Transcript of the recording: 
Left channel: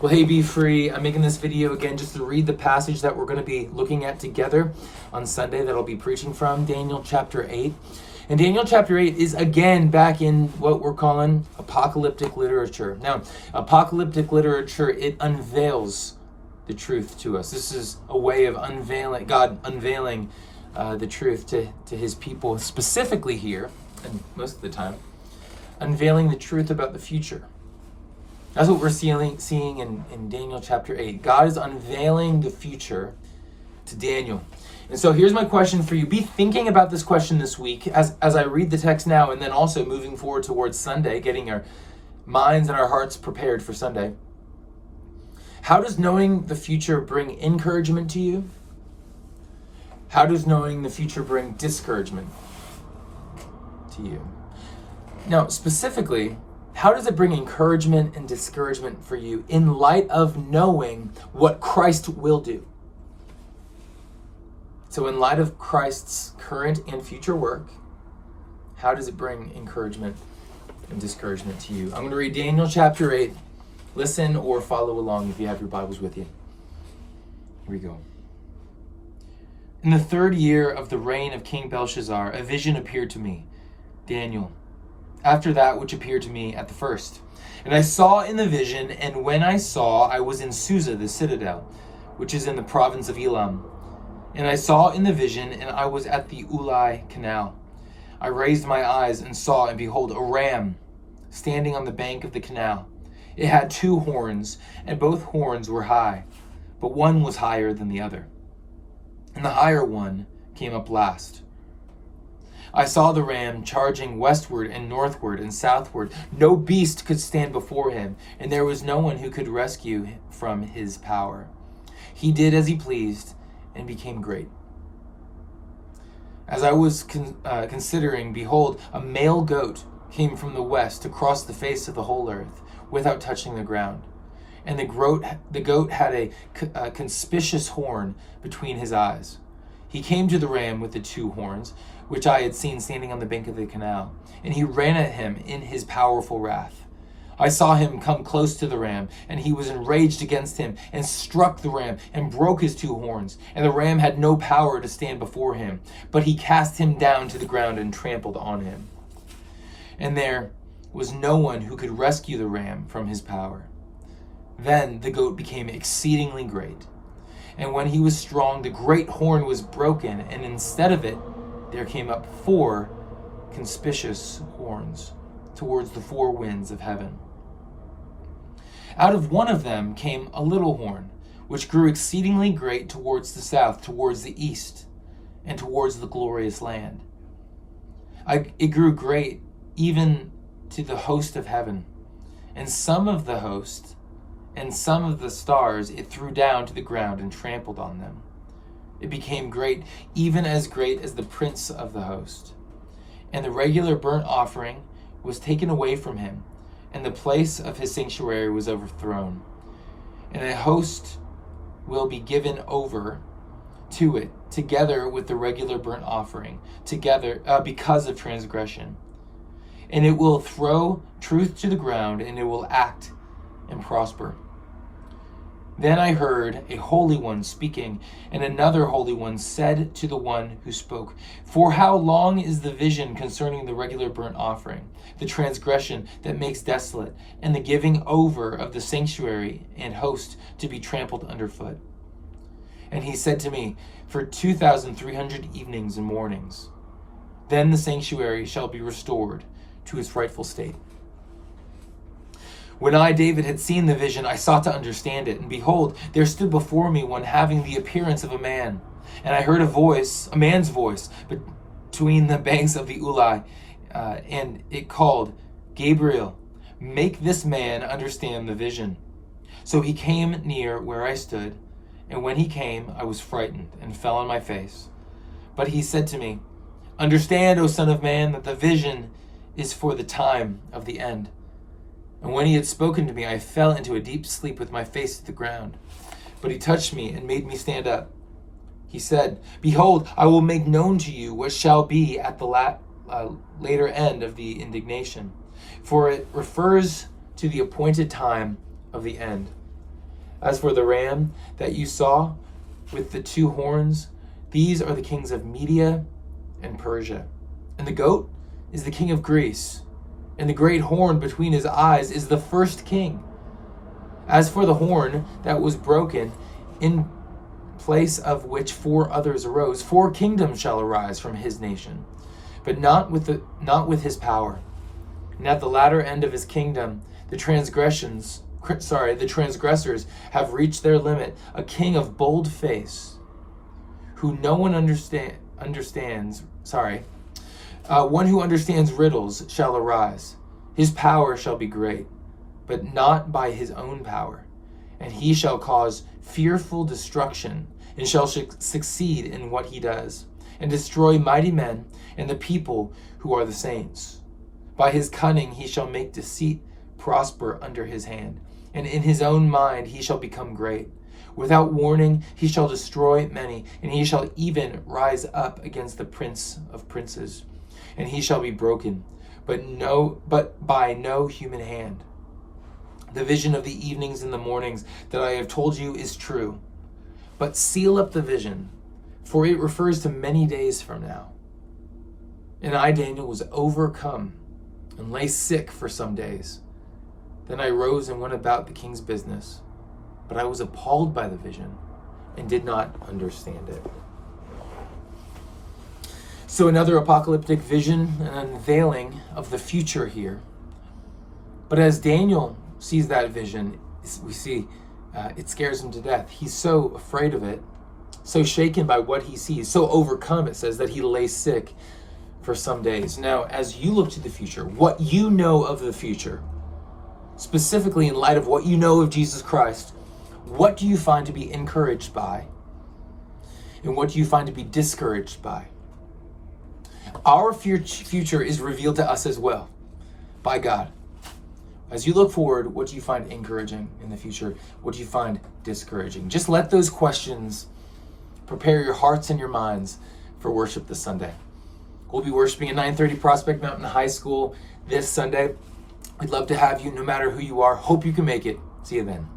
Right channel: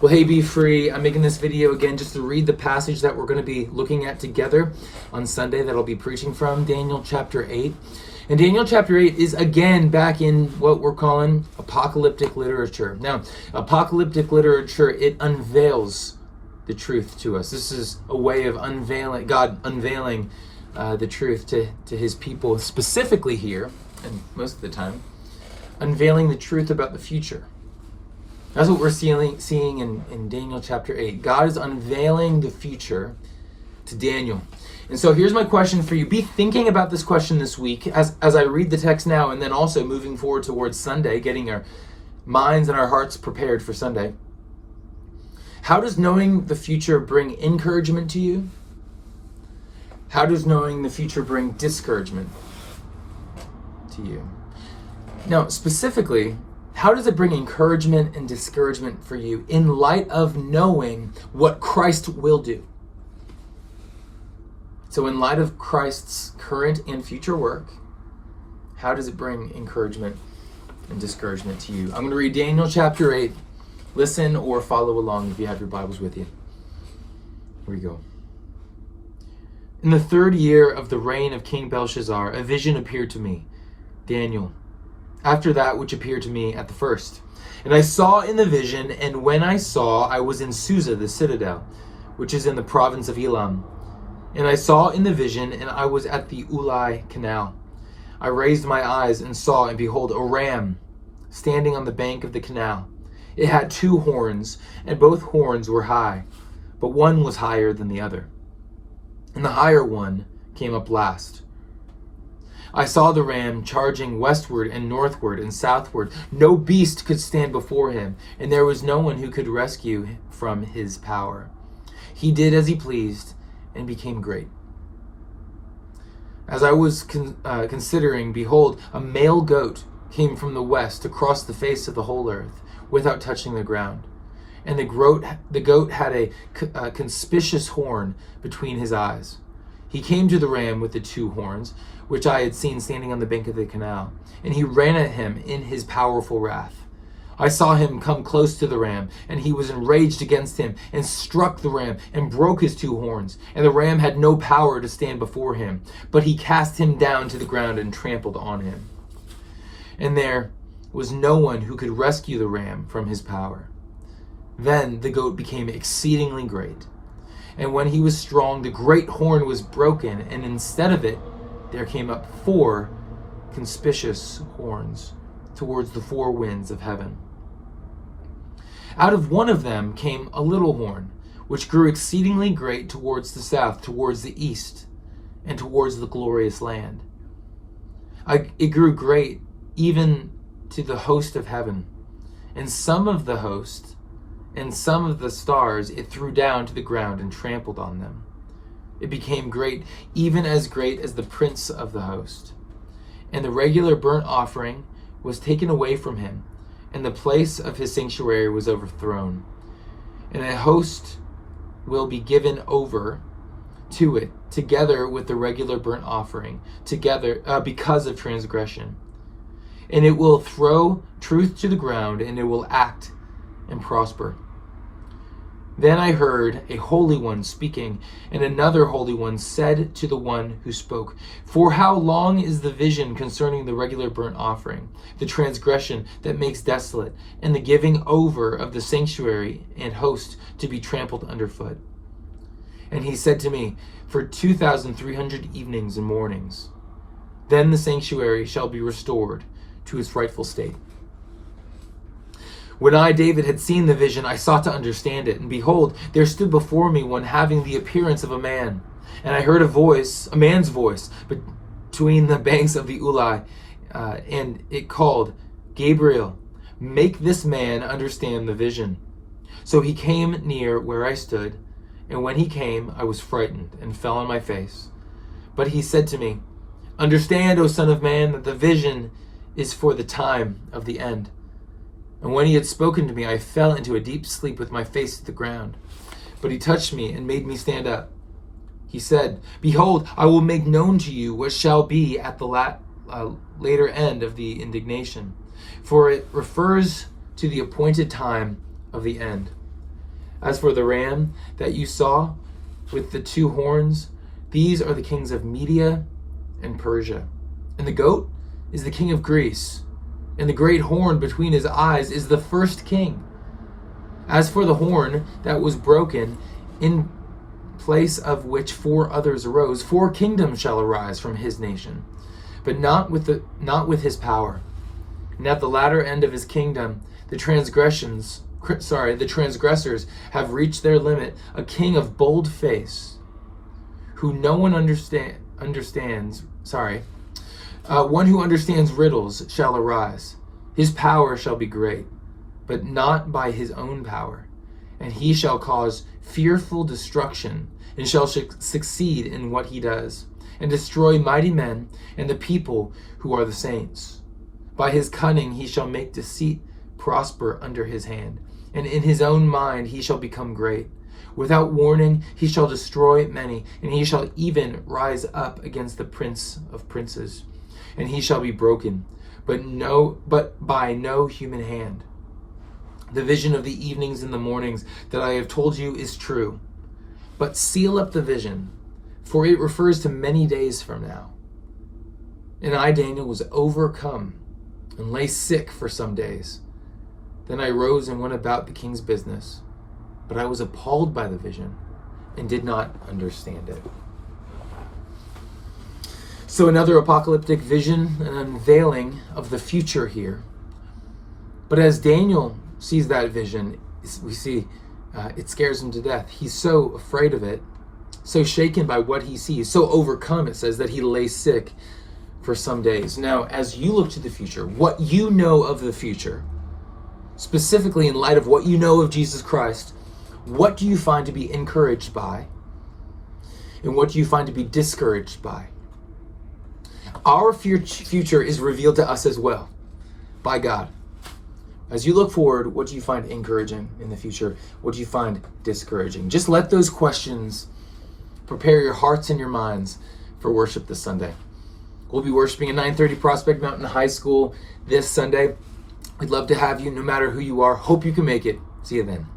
Well, hey, be free. I'm making this video again just to read the passage that we're going to be looking at together on Sunday that I'll be preaching from, Daniel chapter 8. And Daniel chapter 8 is again back in what we're calling apocalyptic literature. Now, apocalyptic literature, it unveils the truth to us. This is a way of unveiling, God unveiling the truth to his people, specifically here, and most of the time, unveiling the truth about the future. That's what we're seeing in Daniel chapter 8. God is unveiling the future to Daniel. And so here's my question for you. Be thinking about this question this week as I read the text now, and then also moving forward towards Sunday, getting our minds and our hearts prepared for Sunday. How does knowing the future bring encouragement to you? How does knowing the future bring discouragement to you? Now, specifically, how does it bring encouragement and discouragement for you in light of knowing what Christ will do? So in light of Christ's current and future work, how does it bring encouragement and discouragement to you? I'm going to read Daniel chapter 8. Listen or follow along if you have your Bibles with you. Here we go. In the 3rd year of the reign of King Belshazzar, a vision appeared to me, Daniel, after that which appeared to me at the first. And I saw in the vision, and when I saw, I was in Susa, the citadel, which is in the province of Elam. And I saw in the vision, and I was at the Ulai canal. I raised my eyes and saw, and behold, a ram standing on the bank of the canal. It had 2 horns, and both horns were high, but one was higher than the other. And the higher one came up last. I saw the ram charging westward and northward and southward. No beast could stand before him, and there was no one who could rescue from his power. He did as he pleased and became great. As I was considering, behold, a male goat came from the west across the face of the whole earth without touching the ground. And the goat had a conspicuous horn between his eyes. He came to the ram with the 2 horns, which I had seen standing on the bank of the canal, and he ran at him in his powerful wrath. I saw him come close to the ram, and he was enraged against him, and struck the ram, and broke his 2 horns. And the ram had no power to stand before him, but he cast him down to the ground and trampled on him. And there was no one who could rescue the ram from his power. Then the goat became exceedingly great. And when he was strong, the great horn was broken, and instead of it, there came up 4 conspicuous horns towards the 4 winds of heaven. Out of one of them came a little horn, which grew exceedingly great towards the south, towards the east, and towards the glorious land. It grew great even to the host of heaven, and some of the host and some of the stars it threw down to the ground and trampled on them. It became great, even as great as the prince of the host. And the regular burnt offering was taken away from him, and the place of his sanctuary was overthrown. And a host will be given over to it, together with the regular burnt offering, because of transgression. And it will throw truth to the ground, and it will act and prosper. Then I heard a holy one speaking, and another holy one said to the one who spoke, For how long is the vision concerning the regular burnt offering, the transgression that makes desolate, and the giving over of the sanctuary and host to be trampled underfoot? And he said to me, For 2,300 evenings and mornings. Then the sanctuary shall be restored to its rightful state. When I, David, had seen the vision, I sought to understand it. And behold, there stood before me one having the appearance of a man. And I heard a man's voice, between the banks of the Ulai. And it called, Gabriel, make this man understand the vision. So he came near where I stood. And when he came, I was frightened and fell on my face. But he said to me, Understand, O Son of Man, that the vision is for the time of the end. And when he had spoken to me, I fell into a deep sleep with my face to the ground. But he touched me and made me stand up. He said, Behold, I will make known to you what shall be at the later end of the indignation, for it refers to the appointed time of the end. As for the ram that you saw with the two horns, these are the kings of Media and Persia. And the goat is the king of Greece. And the great horn between his eyes is the first king. As for the horn that was broken, in place of which four others arose, four kingdoms shall arise from his nation, but not with his power. And at the latter end of his kingdom, the transgressors have reached their limit. A king of bold face, who no one understands. One who understands riddles shall arise. His power shall be great, but not by his own power. And he shall cause fearful destruction, and shall succeed in what he does, and destroy mighty men and the people who are the saints. By his cunning he shall make deceit prosper under his hand, and in his own mind he shall become great. Without warning he shall destroy many, and he shall even rise up against the prince of princes, and he shall be broken, but by no human hand. The vision of the evenings and the mornings that I have told you is true. But seal up the vision, for it refers to many days from now. And I, Daniel, was overcome and lay sick for some days. Then I rose and went about the king's business. But I was appalled by the vision and did not understand it. So another apocalyptic vision, an unveiling of the future here. But as Daniel sees that vision, we see it scares him to death. He's so afraid of it, so shaken by what he sees, so overcome, it says, that he lay sick for some days. Now, as you look to the future, what you know of the future, specifically in light of what you know of Jesus Christ, what do you find to be encouraged by? And what do you find to be discouraged by? Our future is revealed to us as well by God. As you look forward, what do you find encouraging in the future? What do you find discouraging? Just let those questions prepare your hearts and your minds for worship this Sunday. We'll be worshiping at 9:30 Prospect Mountain High School this Sunday. We'd love to have you, no matter who you are. Hope you can make it. See you then.